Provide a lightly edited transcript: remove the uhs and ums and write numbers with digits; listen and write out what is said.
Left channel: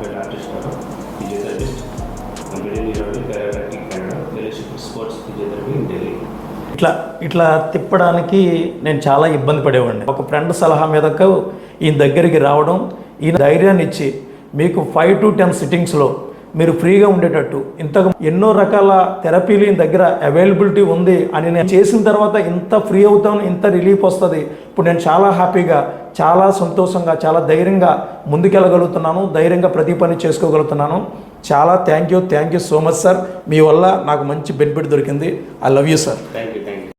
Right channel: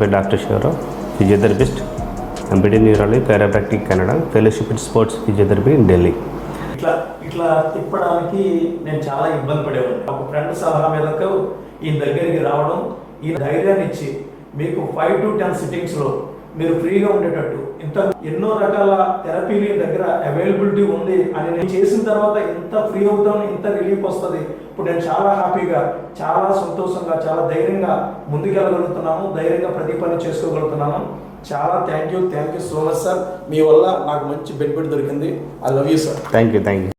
పేరు doctor Shivarao, physiotherapist, MPD neurology, therapeutic Canada, fellowship in sports physiotherapy in Delhi. ఇట్లా తిప్పడానికి నేను చాలా ఇబ్బంది పడేవాడిని. ఒక ఫ్రెండ్ సలహా మీదకు ఈయన దగ్గరికి రావడం, ఈయన ధైర్యాన్ని ఇచ్చి మీకు 5 to 10 సిట్టింగ్స్లో మీరు ఫ్రీగా ఉండేటట్టు ఎన్నో రకాల థెరపీలు ఈయన దగ్గర అవైలబిలిటీ ఉంది అని నేను చేసిన తర్వాత ఇంత ఫ్రీ అవుతాను, ఇంత రిలీఫ్ వస్తుంది. ఇప్పుడు నేను చాలా హ్యాపీగా, చాలా సంతోషంగా, చాలా ధైర్యంగా ముందుకెళ్ళగలుగుతున్నాను, ధైర్యంగా ప్రతి పని చేసుకోగలుగుతున్నాను. చాలా thank you so much sir. మీ వల్ల నాకు మంచి బెనిఫిట్ దొరికింది. I love you sir. Thank you.